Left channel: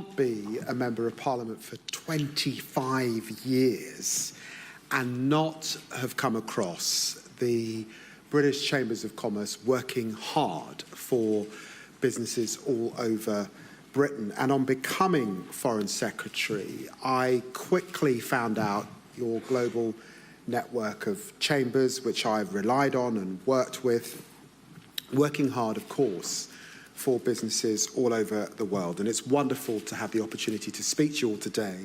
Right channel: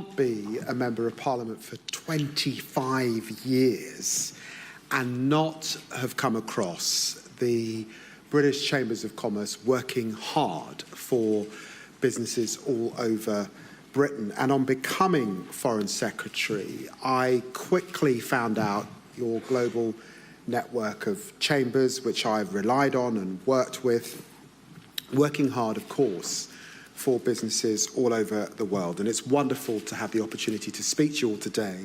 can't be a Member of Parliament for 25 years and not have come across the British Chambers of Commerce working hard for businesses all over Britain. And on becoming Foreign Secretary, I quickly found out your global network of chambers, which I've relied on and worked with, working hard, of course, for businesses all over the world. And it's wonderful to have the opportunity to speak to you all today,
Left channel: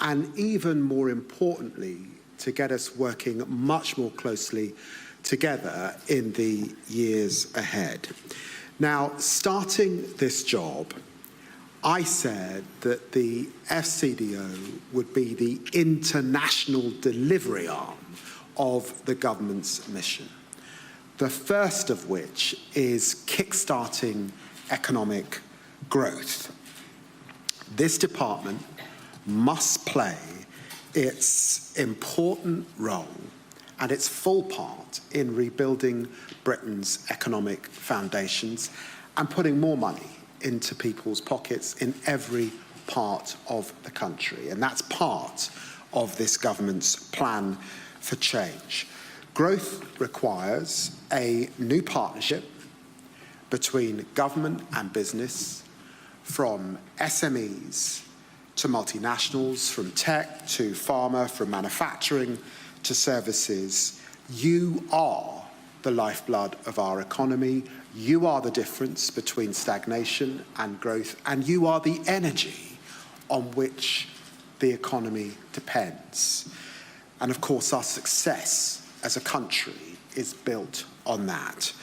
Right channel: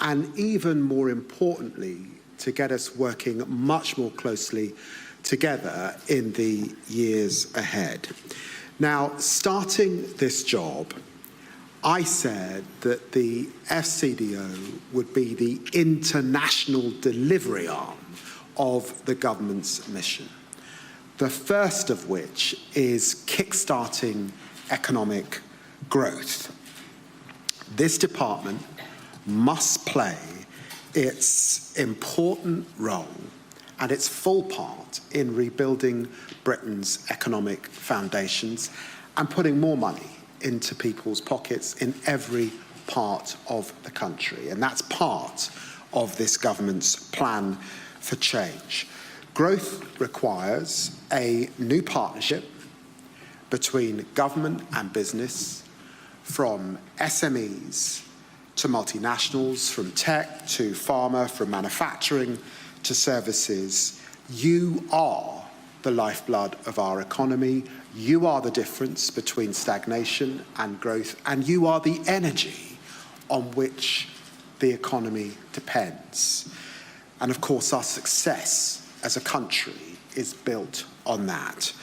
and even more importantly, to get us working much more closely together in the years ahead. Now, starting this job, I said that the FCDO would be the international delivery arm of the government's mission, the first of which is kickstarting economic growth. This department must play its important role and its full part in rebuilding Britain's economic foundations and putting more money into people's pockets in every part of the country. And that's part of this government's plan for change. Growth requires a new partnership between government and business, from SMEs to multinationals, from tech to pharma, from manufacturing to services. You are the lifeblood of our economy. You are the difference between stagnation and growth, and you are the energy on which the economy depends. And of course, our success as a country is built on that.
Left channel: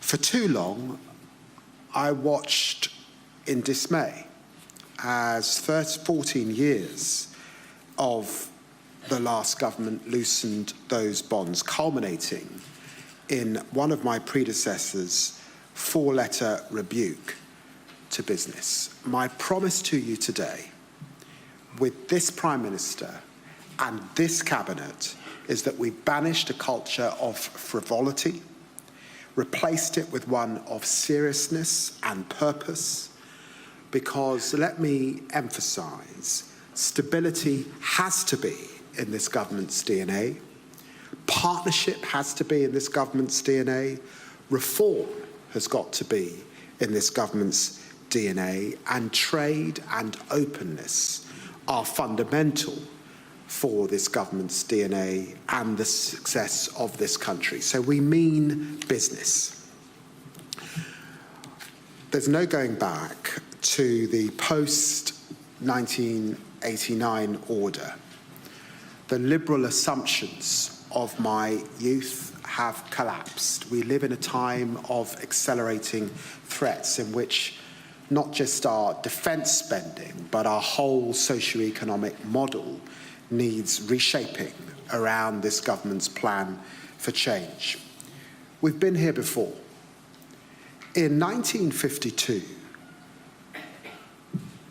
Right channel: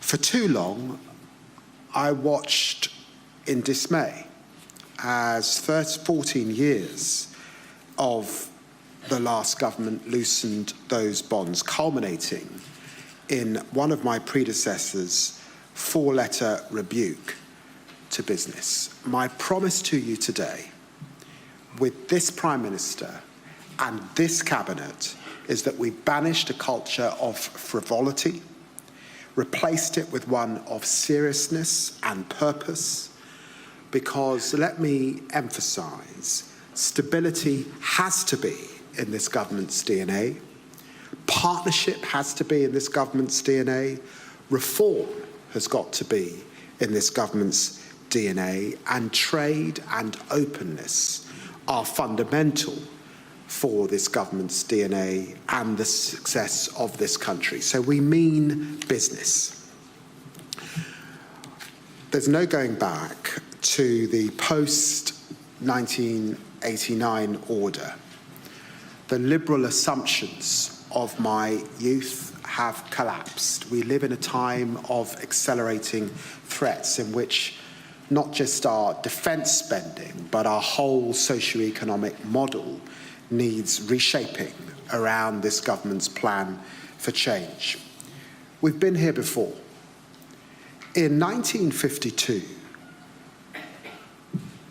For too long, I watched in dismay as 14 years of the last government loosened those bonds, culminating in one of my predecessors' four-letter rebuke to business. My promise to you today, with this Prime Minister and this Cabinet, is that we banished a culture of frivolity, replaced it with one of seriousness and purpose, because, let me emphasise, stability has to be in this government's DNA, partnership has to be in this government's DNA, reform has got to be in this government's DNA, and trade and openness are fundamental for this government's DNA and the success of this country. So we mean business. There's no going back to the post-1989 order. The liberal assumptions of my youth have collapsed. We live in a time of accelerating threats in which not just our defence spending, but our whole socio-economic model needs reshaping around this government's plan for change. We've been here before. In 1952,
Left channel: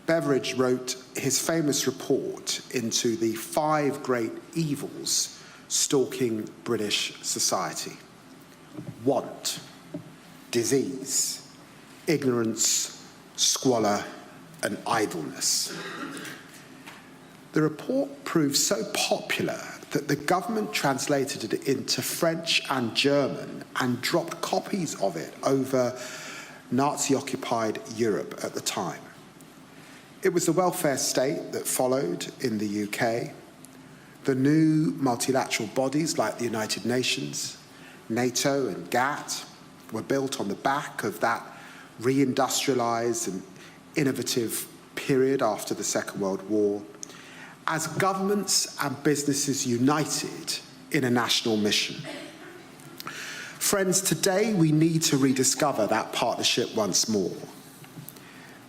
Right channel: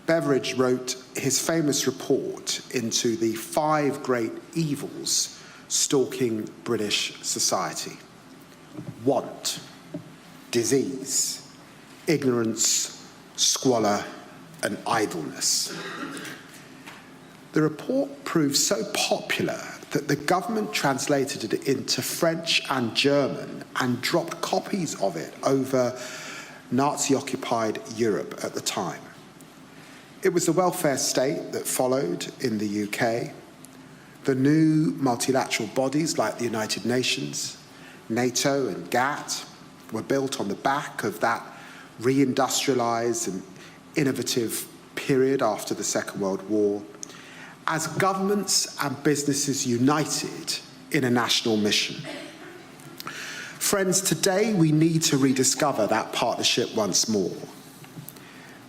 Beveridge wrote his famous report into the 5 great evils stalking British society: want, disease, ignorance, squalor, and idleness. The report proved so popular that the government translated it into French and German and dropped copies of it over Nazi-occupied Europe at the time. It was the welfare state that followed in the UK. The new multilateral bodies like the United Nations, NATO and GATT were built on the back of that reindustrialised and innovative period after the Second World War, as governments and businesses united in a national mission. Friends, today we need to rediscover that partnership once more.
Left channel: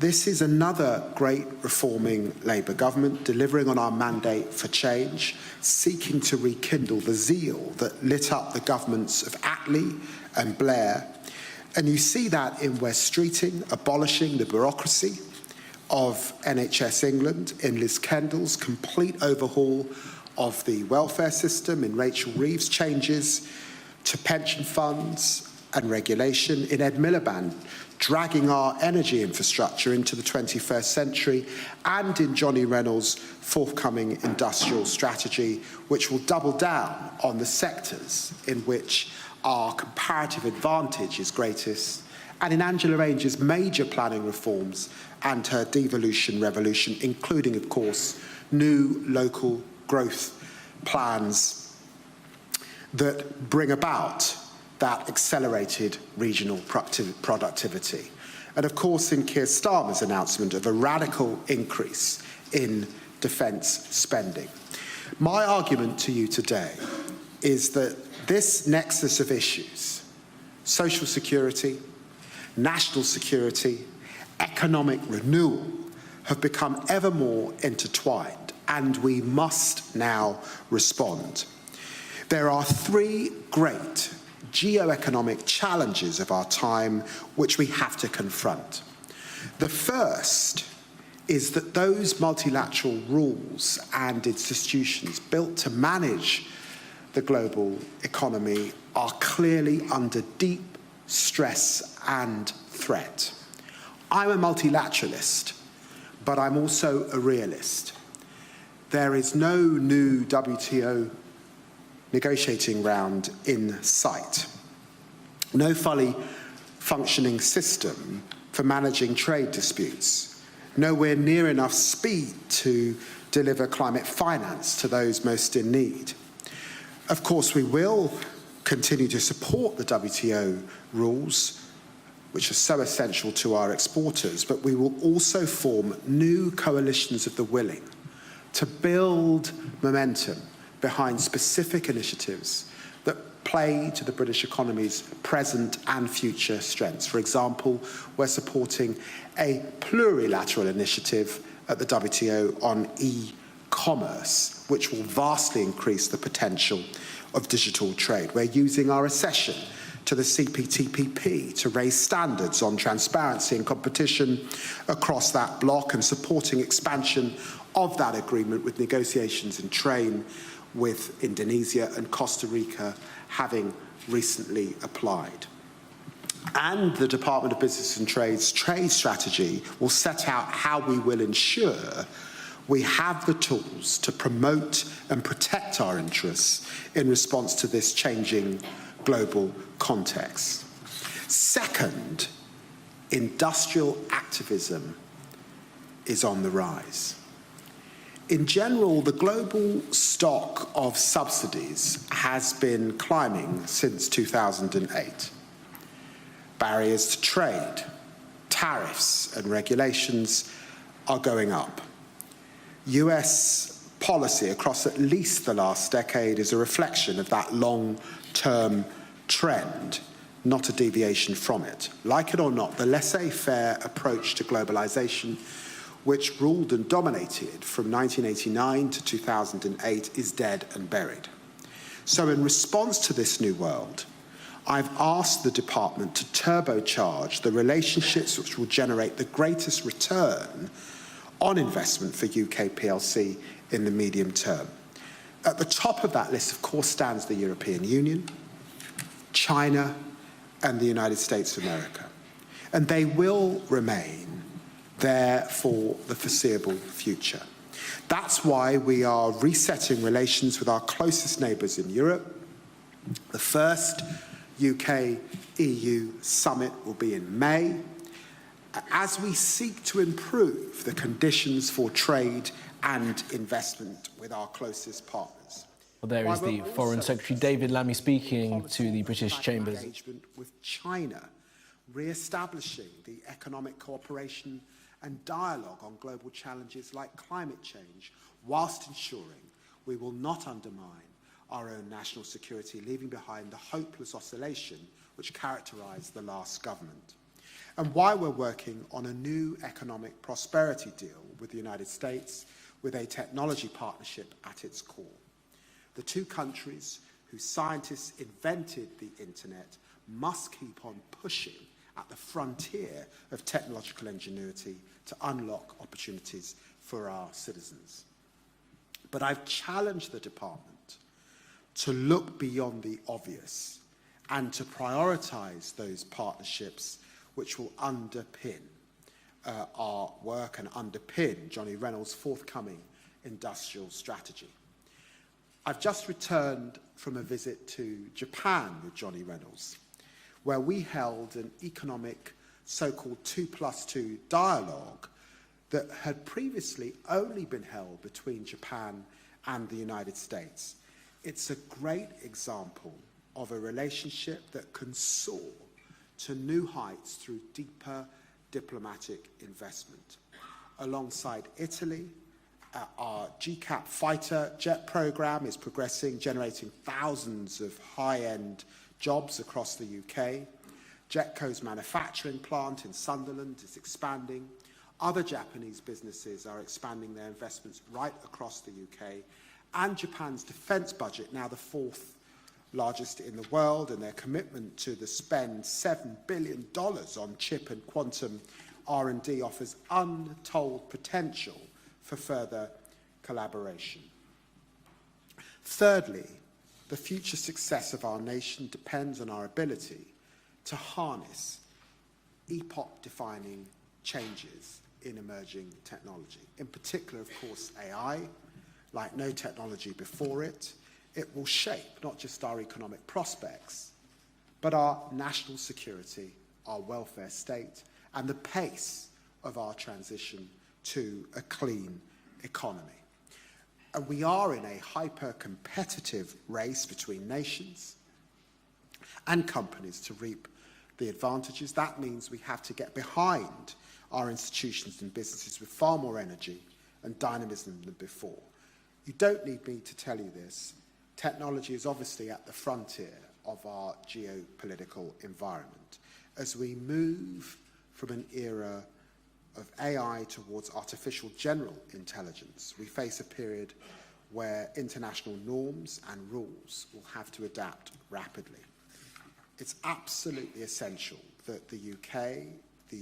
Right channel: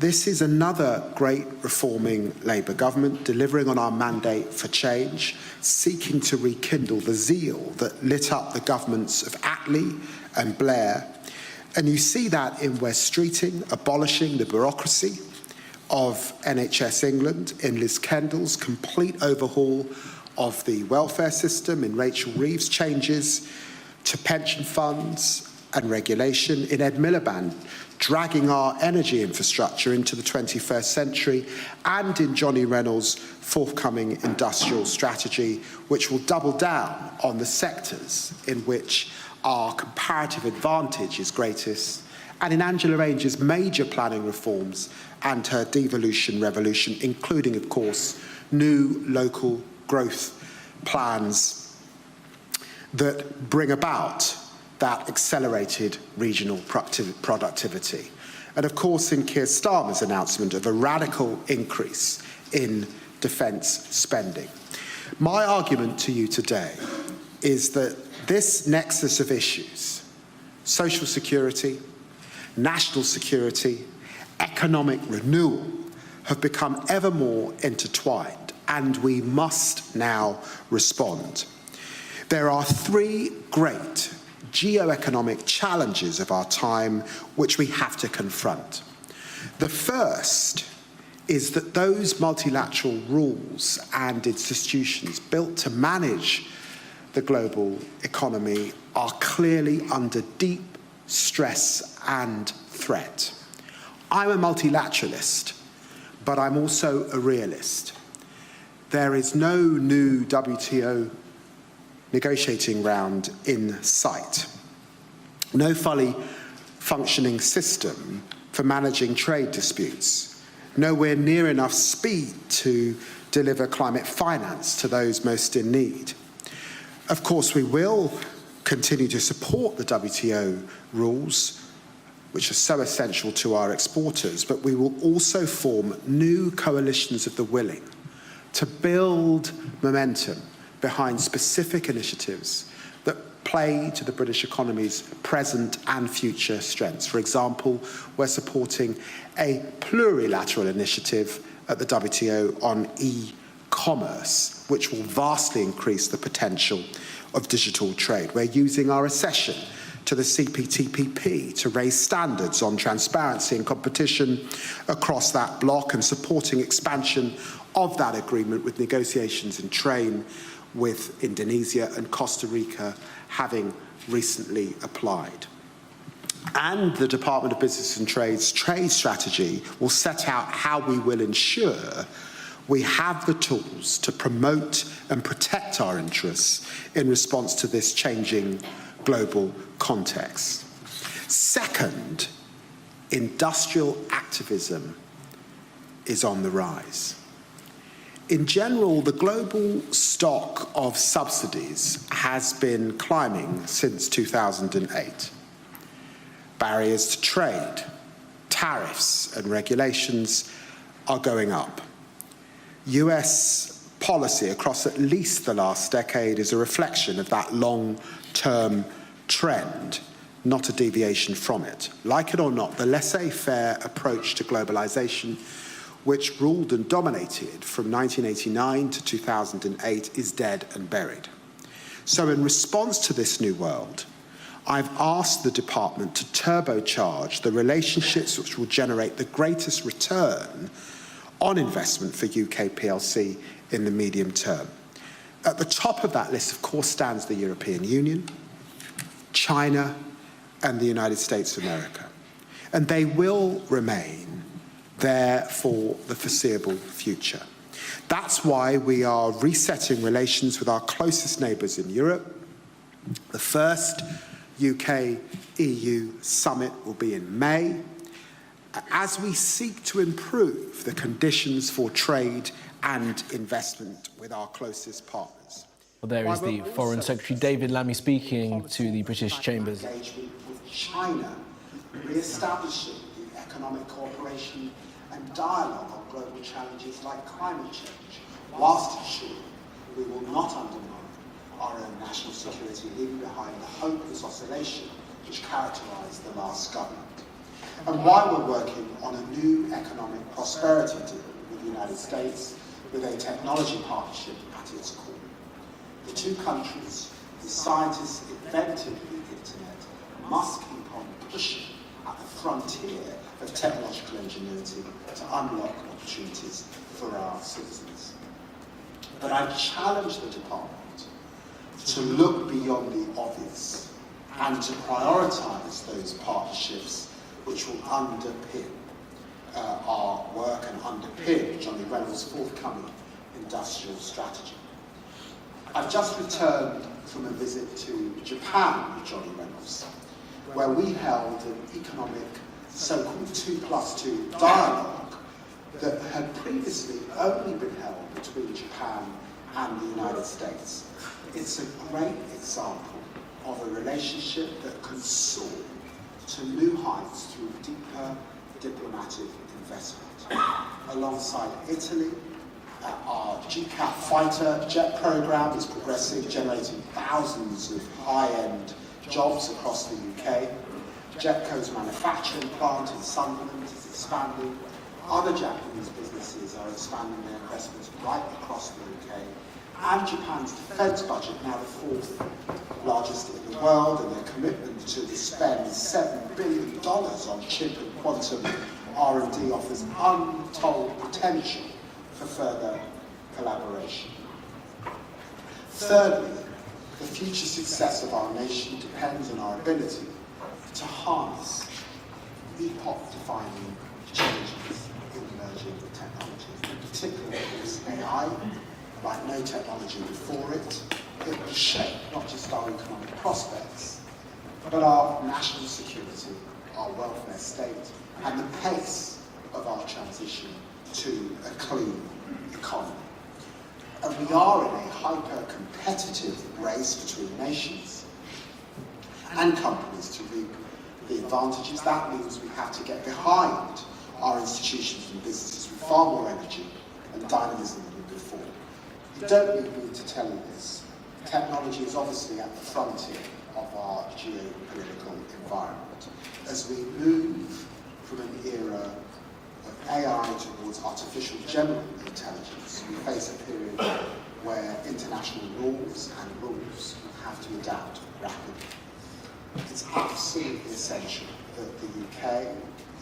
This is another great reforming Labour government, delivering on our mandate for change, seeking to rekindle the zeal that lit up the governments of Attlee and Blair. And you see that in West Streeting, abolishing the bureaucracy of NHS England, in Liz Kendall's complete overhaul of the welfare system, in Rachel Reeves' changes to pension funds, and regulation, in Ed Miliband, dragging our energy infrastructure into the 21st century, and in Johnny Reynolds' forthcoming industrial strategy, which will double down on the sectors in which our comparative advantage is greatest, and in Angela Range's major planning reforms and her devolution revolution, including, of course, new local growth plans that bring about that accelerated regional productivity. And of course, in Keir Starmer's announcement of a radical increase in defence spending. My argument to you today is that this nexus of issues, social security, national security, economic renewal, have become ever more intertwined, and we must now respond. There are three great geo-economic challenges of our time which we have to confront. The first is that those multilateral rules and institutions built to manage the global economy are clearly under deep stress and threat. I'm a multilateralist, but I'm also a realist. There is no new WTO negotiating round in sight. No fully functioning system for managing trade disputes. Nowhere near enough speed to deliver climate finance to those most in need. Of course, we will continue to support the WTO rules, which are so essential to our exporters, but we will also form new coalitions of the willing to build momentum behind specific initiatives that play to the British economy's present and future strengths. For example, we're supporting a plurilateral initiative at the WTO on e-commerce, which will vastly increase the potential of digital trade. We're using our accession to the CPTPP to raise standards on transparency and competition across that bloc, and supporting expansion of that agreement with negotiations in train with Indonesia and Costa Rica having recently applied. And the Department of Business and Trade's trade strategy will set out how we will ensure we have the tools to promote and protect our interests in response to this changing global context. Second, industrial activism is on the rise. In general, the global stock of subsidies has been climbing since 2008. Barriers to trade, tariffs, and regulations are going up. US policy across at least the last decade is a reflection of that long-term trend, not a deviation from it. Like it or not, the laissez-faire approach to globalization, which ruled and dominated from 1989 to 2008, is dead and buried. So in response to this new world, I've asked the department to turbocharge the relationships which will generate the greatest return on investment for UK PLC in the medium term. At the top of that list, of course, stands the European Union, China, and the United States of America. And they will remain there for the foreseeable future. That's why we are resetting relations with our closest neighbours in Europe. The first UK-EU summit will be in May, as we seek to improve the conditions for trade and investment with our closest partners. Well, there is the Foreign Secretary David Lammy speaking to the British Chambers. China re-establishing the economic cooperation and dialogue on global challenges like climate change, whilst ensuring we will not undermine our own national security, leaving behind the hopeless oscillation which characterised the last government. And while we're working on a new economic prosperity deal with the United States, with a technology partnership at its core, the two countries whose scientists invented the internet must keep on pushing at the frontier of technological ingenuity to unlock opportunities for our citizens. But I challenge the department to look beyond the obvious and to prioritise those partnerships which will underpin our work and underpin John Reynolds' forthcoming industrial strategy. I've just returned from a visit to Japan with John Reynolds, where we held an economic so-called 2+2 dialogue that had previously only been held between Japan and the United States. It's a great example of a relationship that can soar to new heights through deeper diplomatic investment. Alongside Italy, our GCAP fighter jet program is progressing, generating thousands of high-end jobs across the UK. Jetco's manufacturing plant in Sunderland is expanding. Other Japanese businesses are expanding their investments right across the UK. And Japan's defence budget, now the fourth largest in the world, and a commitment to spend $7 billion on chip and quantum R&D offers untold potential for further collaboration. Thirdly, the future success of our nation depends on our ability to harness epoch-defining changes in emerging technology, in particular AI, like no technology before it. It will shape not just our economic prospects, but our national security, our welfare state, and the pace of our transition to a clean economy. And we are in a hyper-competitive race between nations and companies to reap the advantages. That means we have to get behind our institutions and businesses with far more energy and dynamism than before. You don't need me to tell you this. Technology is obviously at the frontier of our geopolitical environment. As we move from an era of AI towards artificial general intelligence, we face a period where international norms and rules have to adapt rapidly. It's absolutely essential that the UK,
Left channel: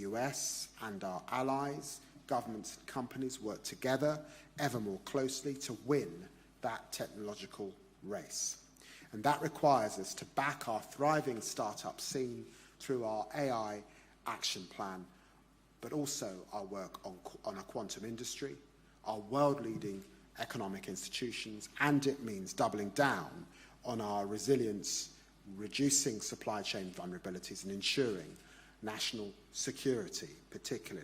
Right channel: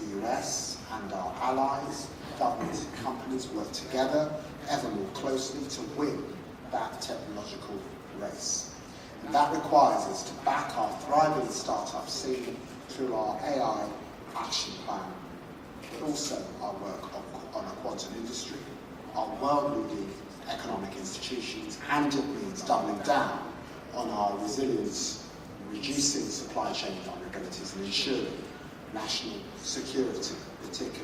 the US, and our allies, governments and companies work together ever more closely to win that technological race. And that requires us to back our thriving startup scene through our AI action plan, but also our work on the quantum industry, our world-leading economic institutions, and it means doubling down on our resilience, reducing supply chain vulnerabilities, and ensuring national security, particularly,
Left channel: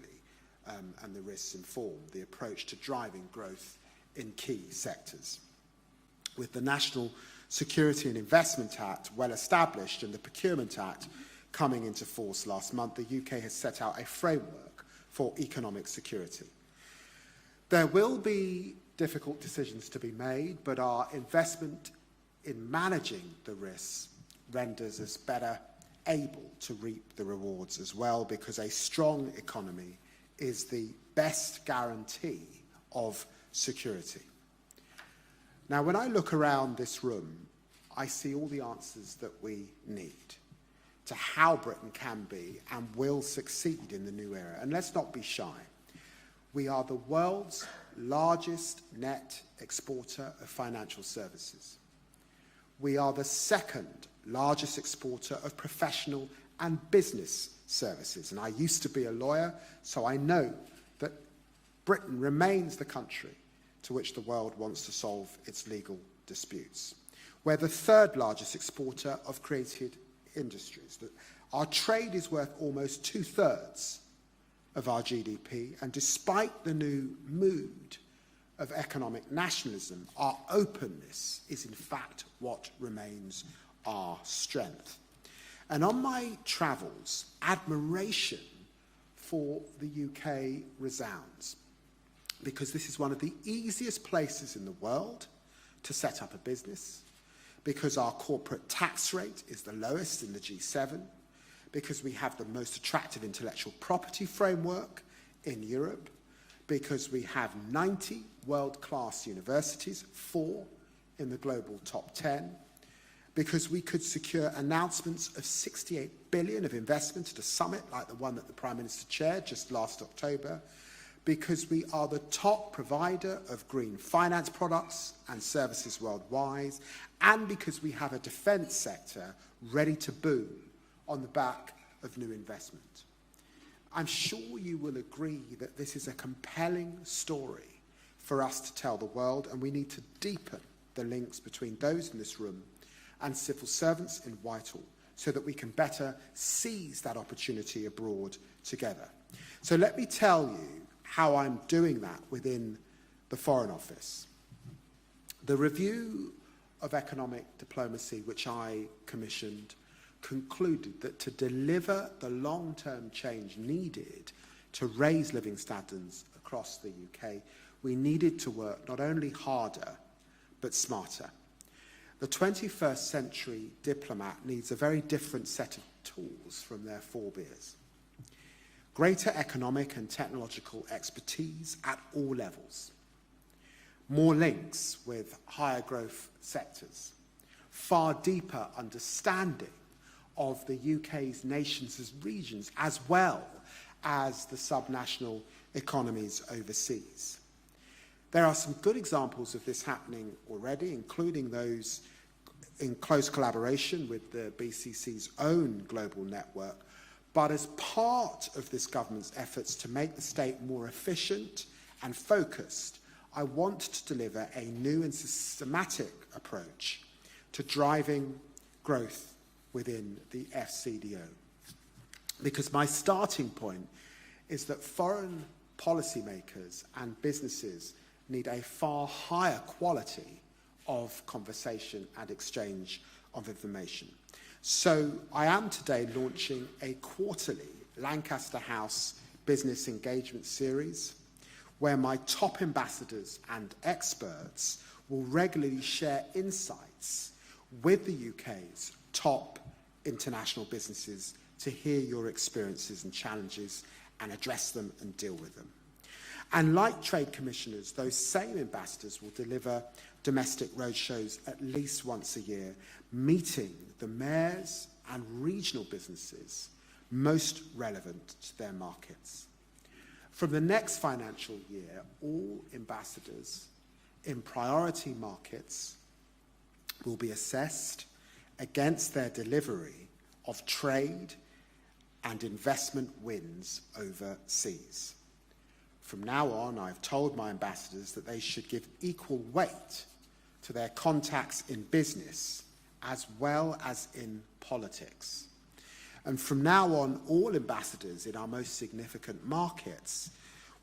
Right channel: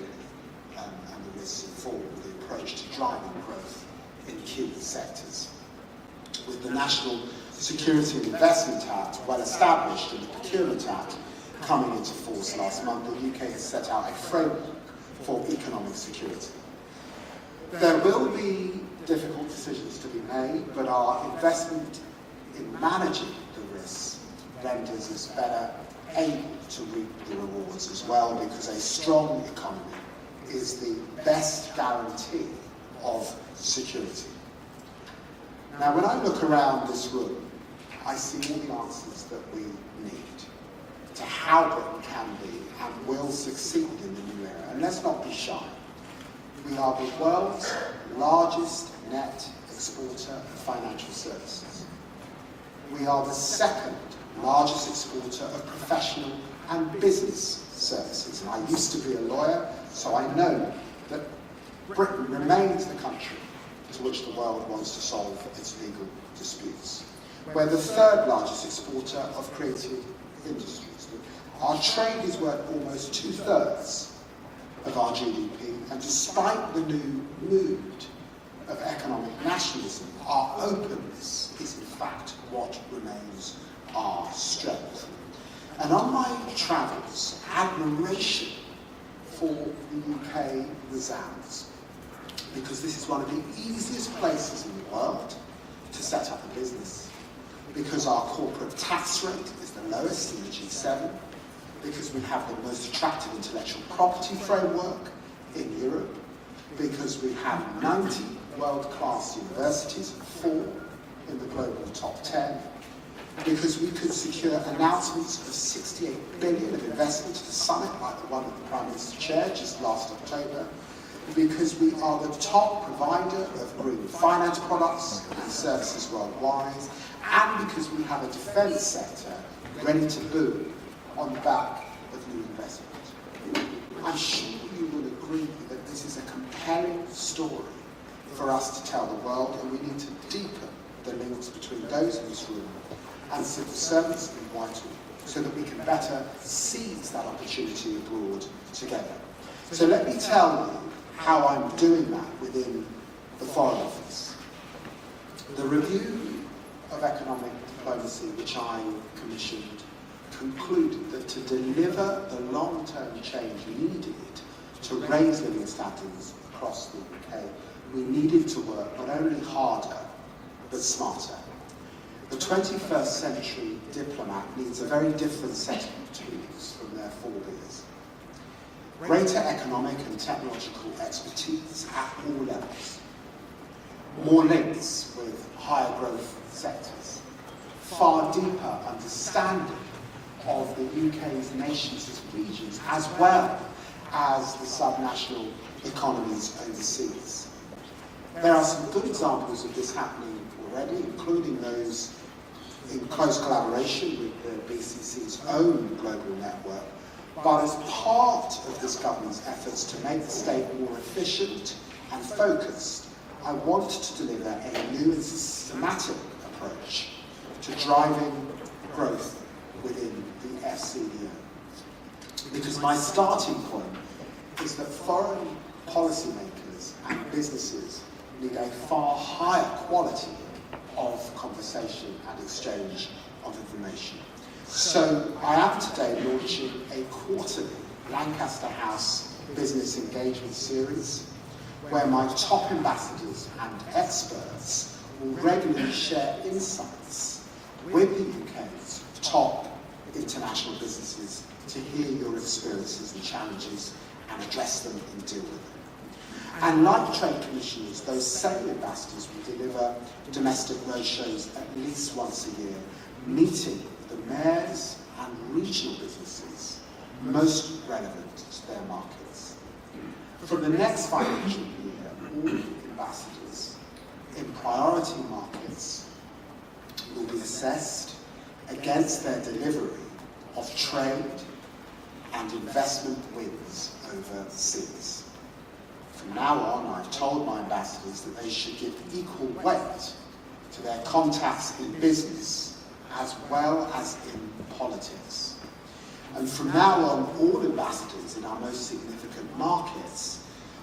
and this forward the approach to driving growth in key sectors. With the National Security Investment Act well established and the Procurement Act coming into force last month, the UK has set out a framework for economic security. There will be difficult decisions to be made, but our investment in managing the risks renders us better able to reap the rewards as well, because a strong economy is the best guarantee of security. Now, when I look around this room, I see all the answers that we need to how it can be and will succeed in the new era. And let's not be shy. We are the world's largest net exporter of financial services. We are the second largest exporter of professional and business services. And I used to be a lawyer, so I know that Britain remains the country to which the world wants to solve its legal disputes. We're the third largest exporter of creative industries. Our trade is worth almost 2/3 of our GDP, and despite the new mood of economic nationalism, our openness is in fact what remains our strength. And on my travels, admiration for the UK resounds, because this is one of the easiest places in the world to set up business, because our corporate tax rate is the lowest in the G7, because we have the most attractive intellectual property framework in Europe, because we have 90 world-class universities, 4 in the global top 10, because we could secure announcements of $68 billion of investment at a summit like the one that the Prime Minister chaired just last October, because we are the top provider of green finance products and services worldwide, and because we have a defence sector ready to boom on the back of new investment. I'm sure you will agree that this is a compelling story for us to tell the world, and we need to deepen the links between those in this room and civil servants in Whitehall so that we can better seize that opportunity abroad together. So let me tell you how I'm doing that within the Foreign Office. The review of economic diplomacy which I commissioned concluded that to deliver the long-term change needed to raise living standards across the UK, we needed to work not only harder, but smarter. The 21st century diplomat needs a very different set of tools from their forebears. Greater economic and technological expertise at all levels. More links with higher growth sectors. Far deeper understanding of the UK's nations and regions, as well as the subnational economies overseas. There are some good examples of this happening already, including those in close collaboration with the BCC's own global network, but as part of this government's efforts to make the state more efficient and focused, I wanted to deliver a new systematic approach to driving growth within the FCEO. Because my starting point is that foreign policymakers and businesses need a far higher quality of conversation and exchange of information. So I am today launching a quarterly Lancaster House business engagement series where my top ambassadors and experts will regularly share insights with the UK's top international businesses to hear your experiences and challenges and address them and deal with them. And like trade commissioners, those same ambassadors will deliver domestic roadshows at least once a year, meeting the mayors and regional businesses most relevant to their markets. From the next financial year, all ambassadors in priority markets will be assessed against their delivery of trade and investment wins overseas. From now on, I've told my ambassadors that they should give equal weight to their contacts in business as well as in politics. And from now on, all ambassadors in our most significant markets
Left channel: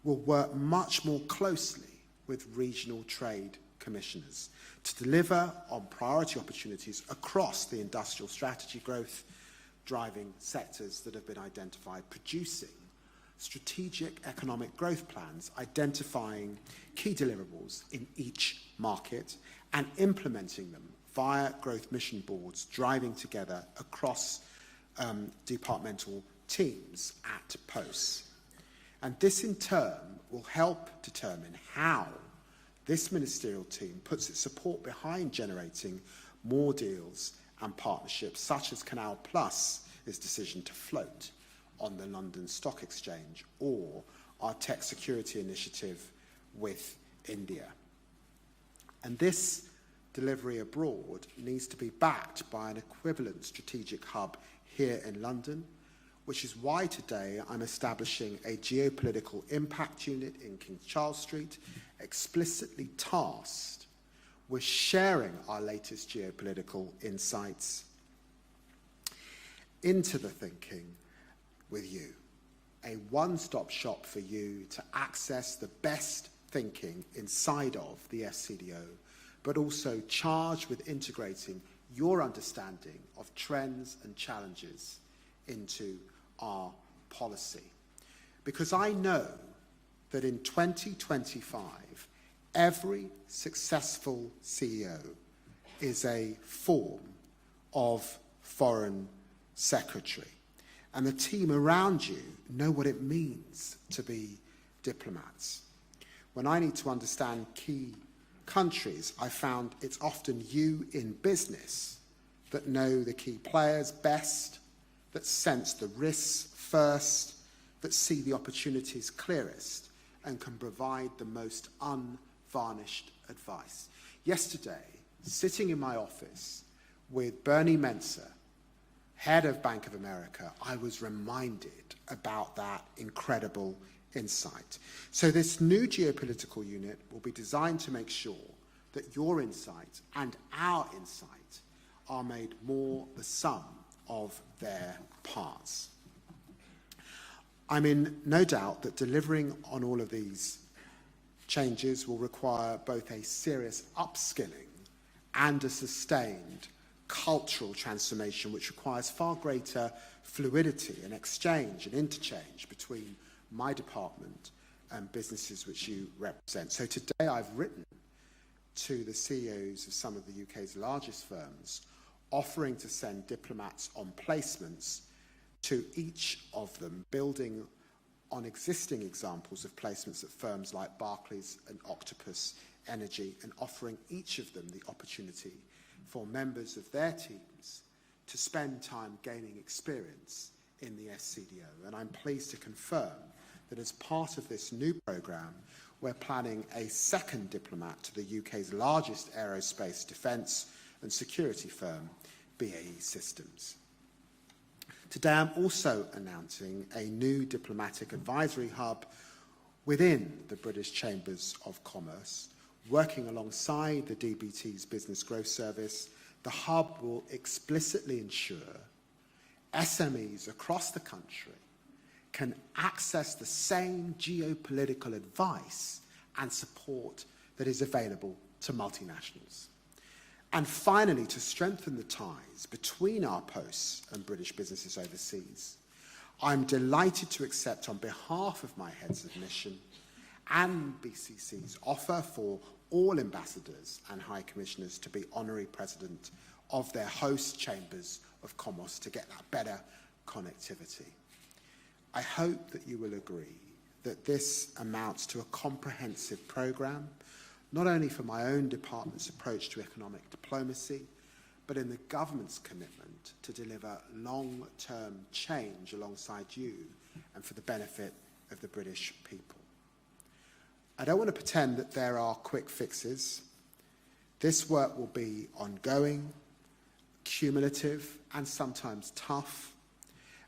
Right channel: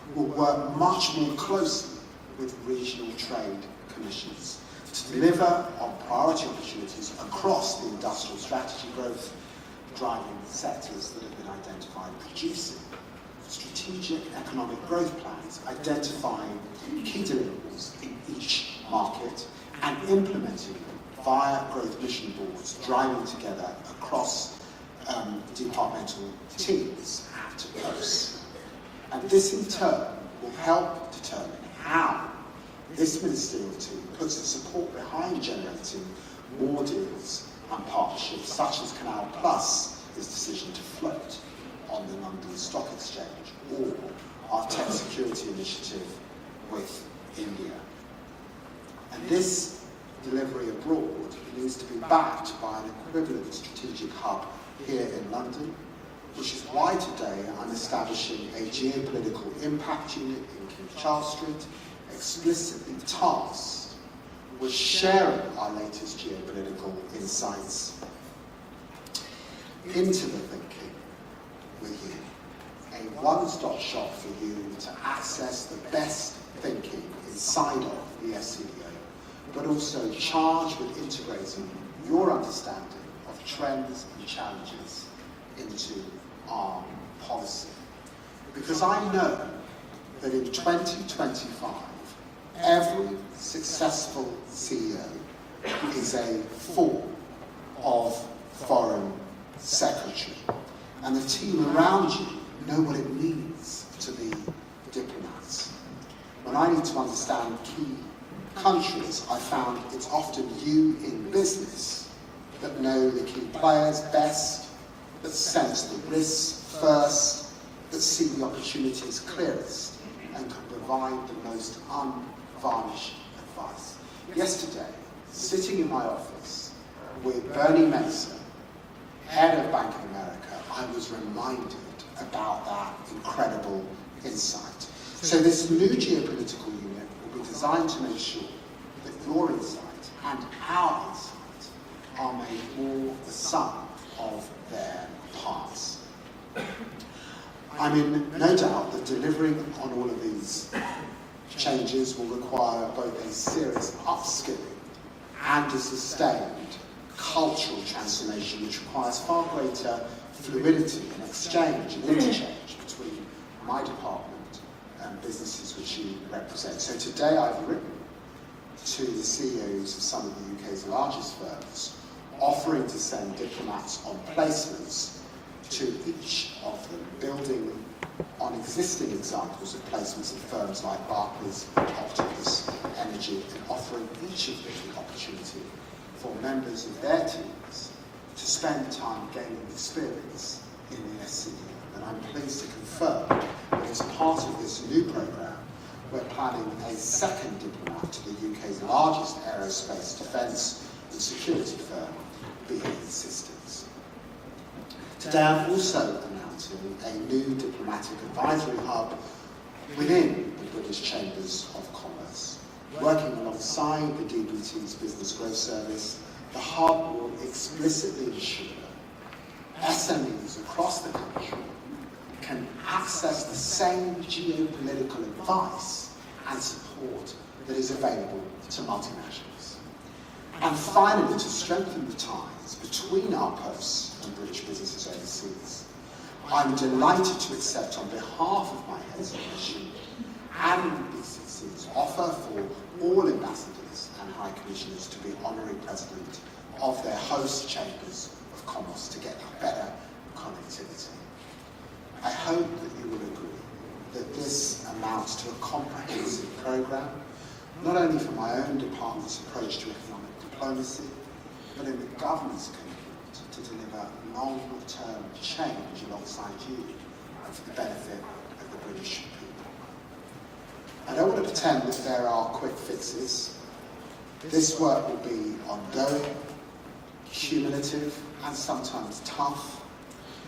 will work much more closely with regional trade commissions to deliver on priority opportunities across the industrial strategy growth driving sectors that have been identified, producing strategic economic growth plans, identifying key deliverables in each market and implementing via growth vision boards, driving together across departmental teams at posts. And this in turn will help determine how this ministerial team puts its support behind generating more deals and partnerships, such as Canal Plus, this decision to float on the London Stock Exchange, or our tech security initiative with India. And this delivery abroad needs to be backed by an equivalent strategic hub here in London, which is why today I'm establishing a geopolitical impact unit in King Charles Street, explicitly tasked with sharing our latest geopolitical insights into the thinking with you. A one-stop shop for you to access the best thinking inside of the FCEO, but also charged with integrating your understanding of trends and challenges into our policy. Because I know that in 2025, every successful CEO is a form of foreign secretary, and the team around you know what it means to be diplomats. When I need to understand key countries, I found it's often you in business that know the key players best, that sense the risks first, that see the opportunities clearest, and can provide the most unvarnished advice. Yesterday, sitting in my office with Bernie Mason, head of Bank of America, I was reminded about that incredible insight. So this new geopolitical unit will be designed to make sure that your insight and our insight are made more the sum of their parts. I'm in no doubt that delivering on all of these changes will require both a serious upskilling and a sustained cultural transformation which requires far greater fluidity and exchange and interchange between my department and businesses which you represent. So today I've written to the CEOs of some of the UK's largest firms, offering to send diplomats on placements to each of them, building on existing examples of placements at firms like Barclays, Optimus, Energy, offering each of them the opportunity for members of their teams to spend time gaining experience in the SC. And I'm pleased to confirm that as part of this new programme, we're planning a second diplomat to the UK's largest aerospace, defence and security firm, BAE Systems. Today I'm also announcing a new diplomatic advisory hub within the British Chambers of Commerce. Working alongside the DBT's Business Growth Service, the hub will explicitly ensure SMEs across the country can access the same geopolitical advice and support that is available to multinationals. And finally, to strengthen the ties between our posts and British business overseas, I'm delighted to accept on behalf of my hesitation and BCC's offer for all ambassadors and high commissioners to be honorary president of their host chambers of commerce to get better connectivity. I hope that you will agree that this amounts to a comprehensive programme, not only for my own department's approach to economic diplomacy, but in the government's commitment to deliver long-term change alongside you for the benefit of the British people. I don't want to pretend that there are quick fixes. This work will be ongoing, cumulative, and sometimes tough,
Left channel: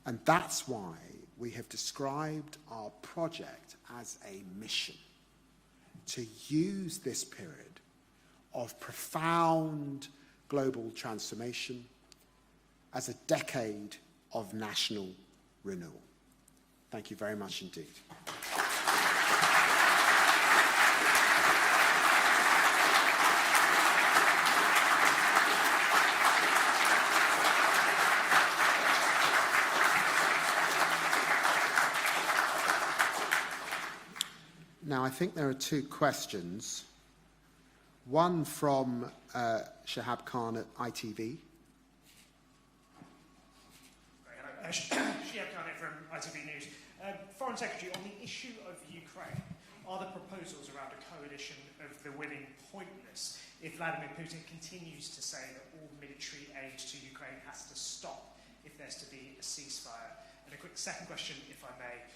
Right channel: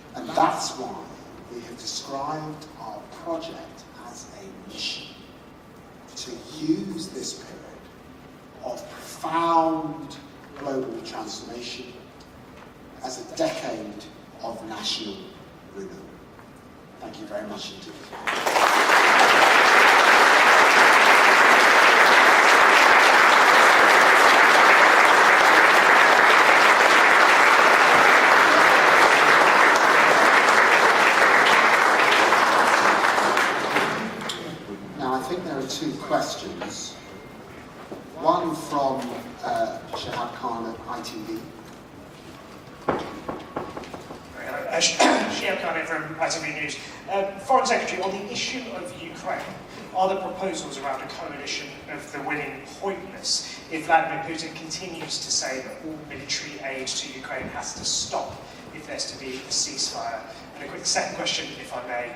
and that's why we have described our project as a mission to use this period of profound global transformation as a decade of national renewal. Thank you very much indeed. Questions. One from Shahad Khan at ITV. Shahad Khan from ITV News. Foreign Secretary, on the issue of Ukraine, are the proposals around a coalition of the willing pointless if Vladimir Putin continues to say that all military aid to Ukraine has to stop if there's to be a ceasefire? And a quick second question, if I may.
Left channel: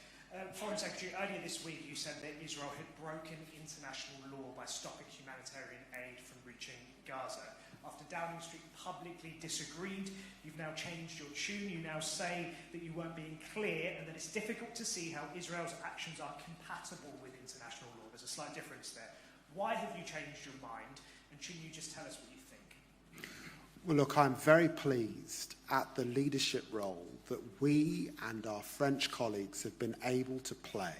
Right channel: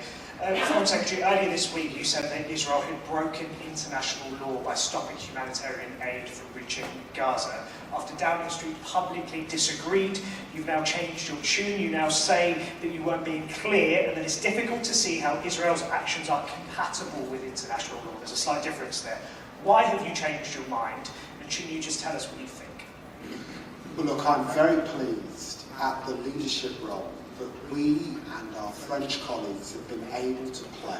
Foreign Secretary, earlier this week you said that Israel had broken international law by stopping humanitarian aid from reaching Gaza. After Downing Street publicly disagreed, you've now changed your tune. You now say that you weren't being clear and that it's difficult to see how Israel's actions are compatible with international law. There's a slight difference there. Why have you changed your mind? And shouldn't you just tell us what you think? Well, look, I'm very pleased at the leadership role that we and our French colleagues have been able to play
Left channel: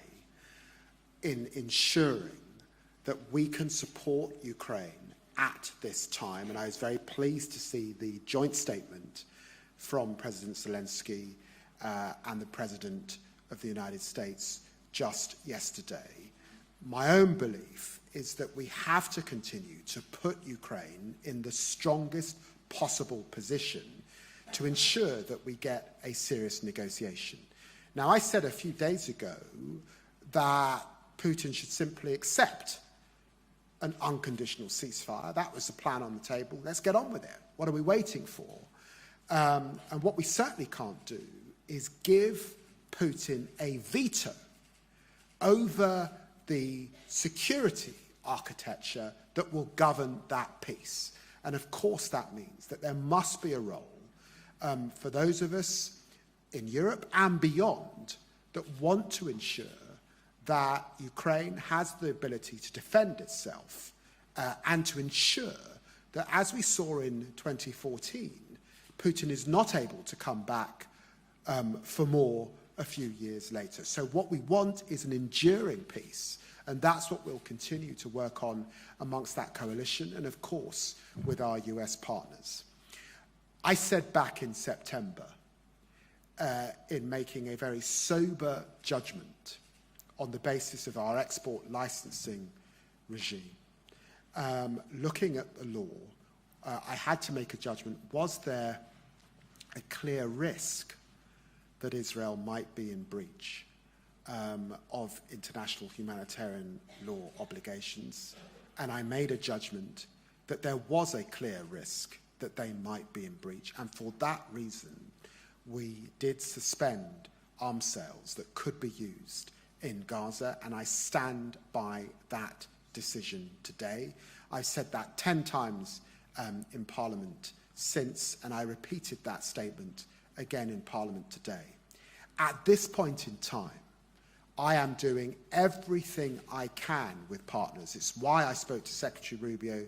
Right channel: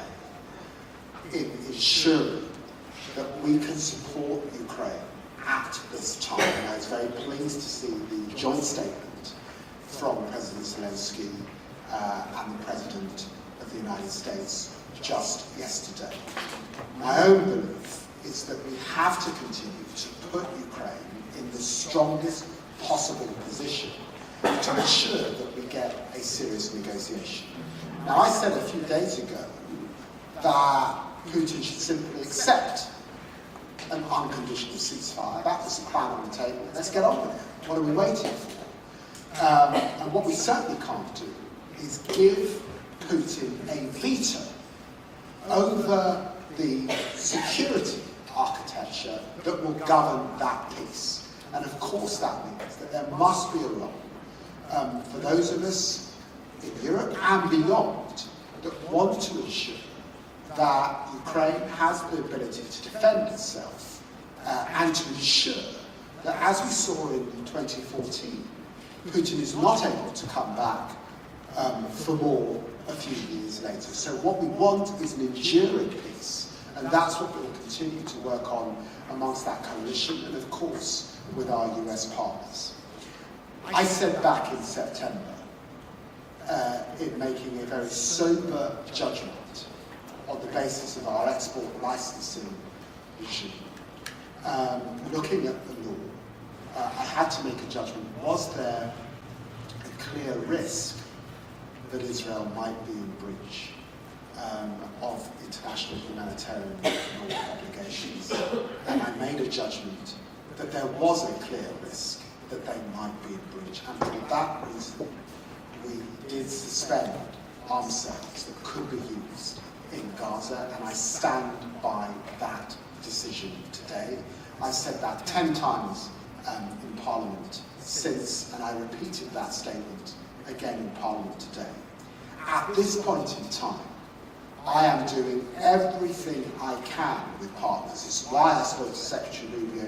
in ensuring that we can support Ukraine at this time. I was very pleased to see the joint statement from President Zelensky and the President of the United States just yesterday. My own belief is that we have to continue to put Ukraine in the strongest possible position to ensure that we get a serious negotiation. Now, I said a few days ago that Putin should simply accept an unconditional ceasefire. That was the plan on the table. Let's get on with it. What are we waiting for? And what we certainly can't do is give Putin a veto over the security architecture that will govern that peace. And of course that means that there must be a role for those of us in Europe and beyond that want to ensure that Ukraine has the ability to defend itself and to ensure that, as we saw in 2014, Putin is not able to come back for more a few years later. So what we want is an enduring peace, and that's what we'll continue to work on amongst that coalition and, of course, with our US partners. I said back in September, in making a very sober judgment on the basis of our export licensing regime, looking at the law, I had to make a judgment. Was there a clear risk that Israel might be in breach of international humanitarian obligations? And I made a judgment that there was a clear risk that they might be in breach. And for that reason, we did suspend arms sales that could be used in Gaza, and I stand by that decision today. I've said that 10 times in Parliament since, and I repeated that statement again in Parliament today. At this point in time, I am doing everything I can with partners. This is why I spoke to Secretary Rubio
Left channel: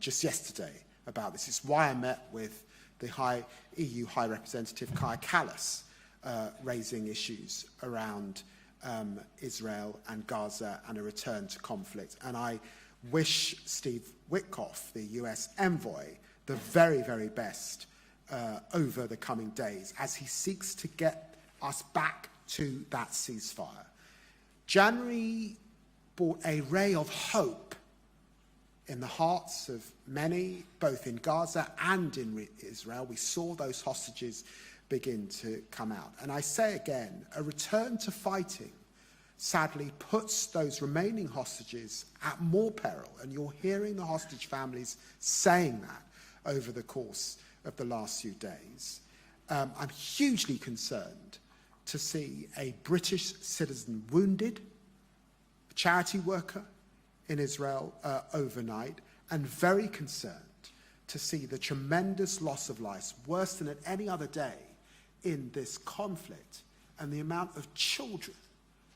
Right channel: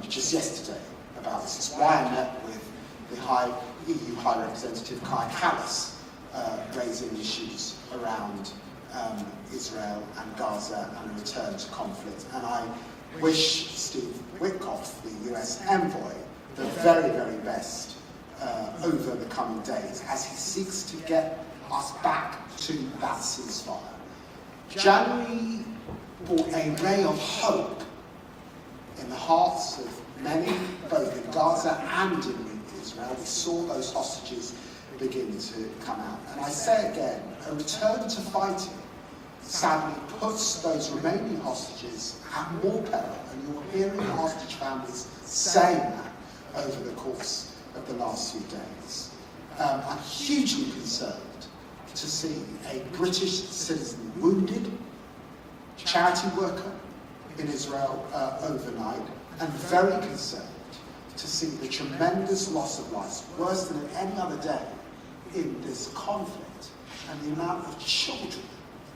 just yesterday about this. This is why I met with the EU High Representative Kai Kallas, raising issues around Israel and Gaza and a return to conflict. And I wish Steve Witkoff, the US envoy, the very, very best over the coming days as he seeks to get us back to that ceasefire. January brought a ray of hope in the hearts of many, both in Gaza and in Israel. We saw those hostages begin to come out. And I say again, a return to fighting sadly puts those remaining hostages at more peril, and you'll hear the hostage families saying that over the course of the last few days. I'm hugely concerned to see a British citizen wounded, charity worker in Israel overnight, and very concerned to see the tremendous loss of lives, worse than any other day in this conflict, and the amount of children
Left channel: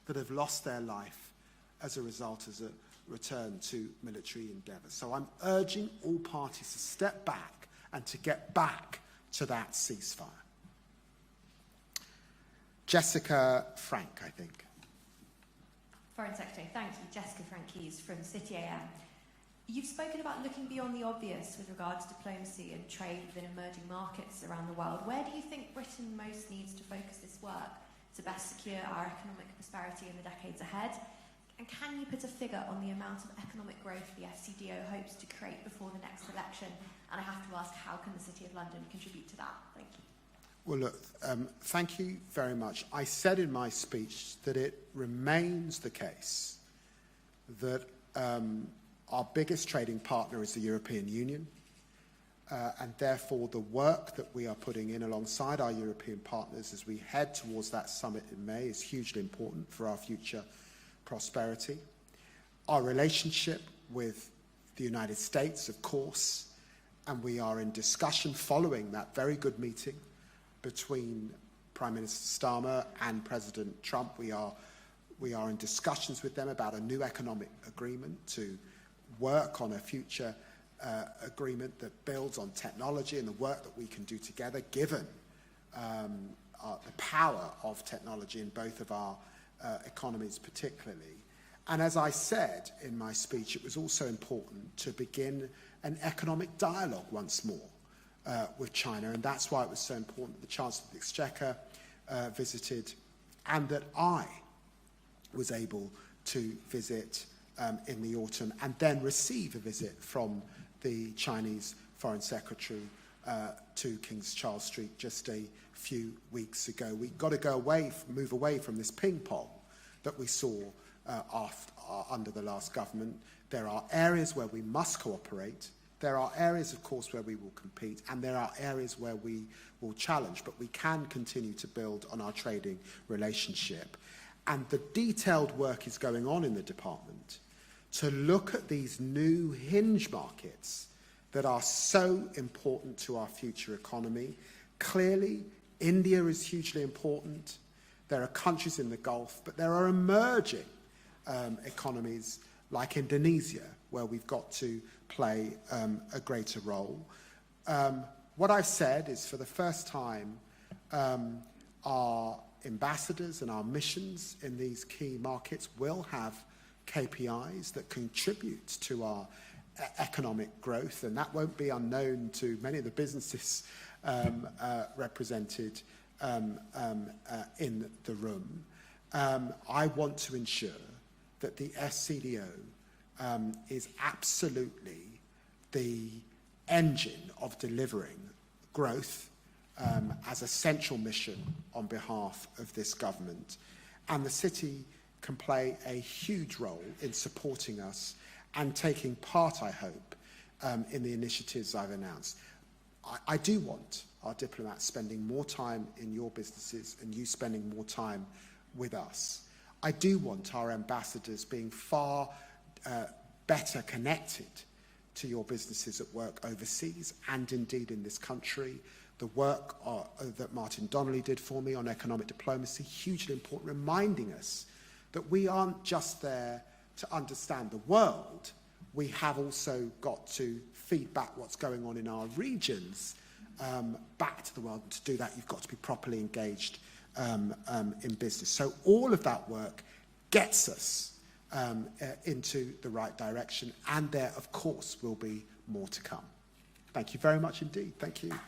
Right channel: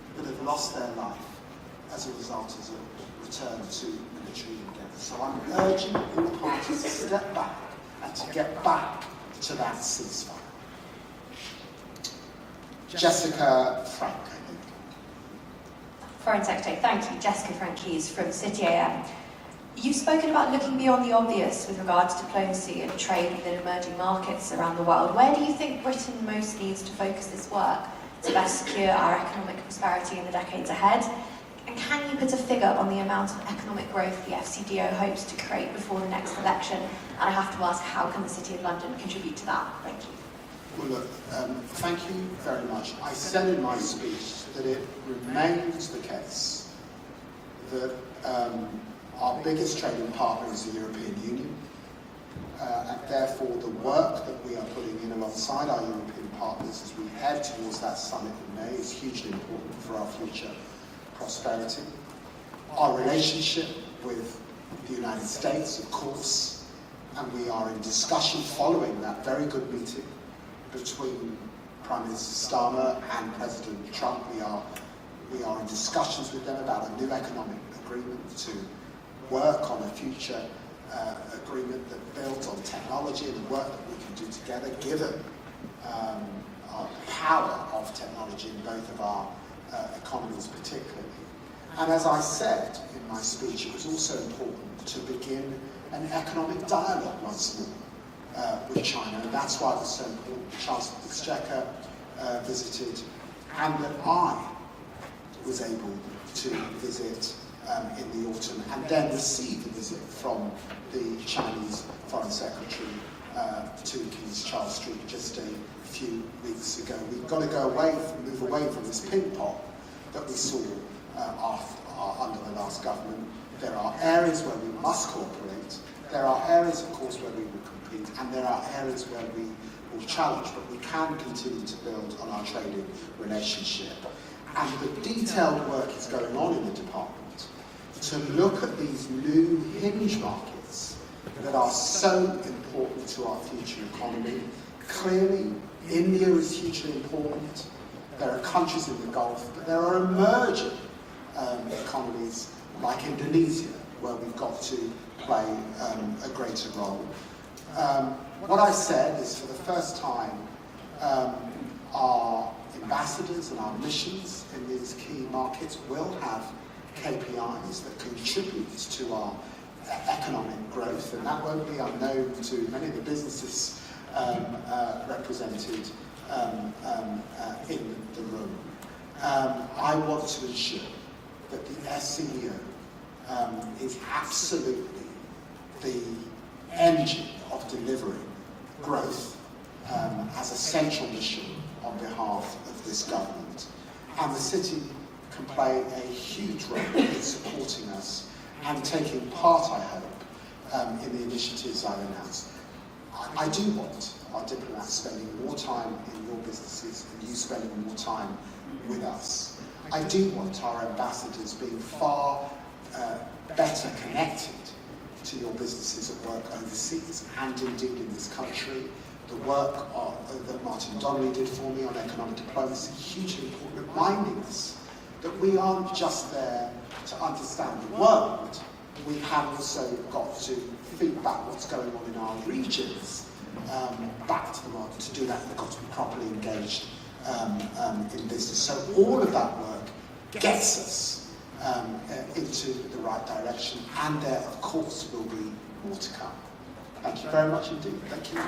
that have lost their life as a result of the return to military care. So I'm urging all parties to step back and to get back to that ceasefire. Jessica Frank. Foreign Secretary, thank you. Jessica Frank-Keys from City AM. You've spoken about looking beyond the obvious with regard to diplomacy and trade within emerging markets around the world. Where do you think Britain most needs to focus this work to best secure our economic prosperity in the decades ahead? And can you put a figure on the amount of economic growth the FCDO hopes to create before the next election? And I have to ask, how can the City of London contribute to that? Thank you. Well, look, thank you very much. I said in my speech that it remains the case that our biggest trading partner is the European Union, and therefore the work that we are putting in alongside our European partners as we head towards that summit in May is hugely important for our future prosperity. Our relationship with the United States, of course, and we are in discussion following that very good meeting between Prime Minister Starmer and President Trump. We are in discussions with them about a new economic agreement to work on a future agreement that builds on technology and work that we can do together, given our power of technology in both of our economies particularly. And as I said in my speech, it was also important to begin an economic dialogue once more with China, and that's why it was so important. Chancellor Exchequer visited, and that I was able to visit in the autumn, and then receive a visit from the Chinese Foreign Secretary to King's Charles Street just a few weeks ago. We've got to move away from this ping pong that we saw under the last government. There are areas where we must cooperate. There are areas, of course, where we will compete, and there are areas where we will challenge, but we can continue to build on our trading relationship. And the detailed work is going on in the department to look at these new hinge markets that are so important to our future economy, Clearly, India is hugely important. There are countries in the Gulf, but there are emerging economies like Indonesia, where we've got to play a greater role. What I said is, for the first time, our ambassadors and our missions in these key markets will have KPIs that contribute to our economic growth, and that won't be unknown to many of the businesses represented in the room. I want to ensure that the SEO is absolutely the engine of delivering growth as a central mission on behalf of this government. And the city can play a huge role in supporting us and taking part in the initiatives I announced. I do want our diplomats spending more time in your businesses and you spending more time with us. I do want our ambassadors being far better connected to your businesses that work overseas and indeed in this country. The work that Martin Donnelly did for me on economic diplomacy is hugely important, reminding us that we aren't just there to understand the world. We have also got to feed back what's going on in our regions back to the world. To do that, we've got to be properly engaged in business. So all of that work gets us into the right direction, and there, of course, will be more to come. Thank you very much indeed. Thank you.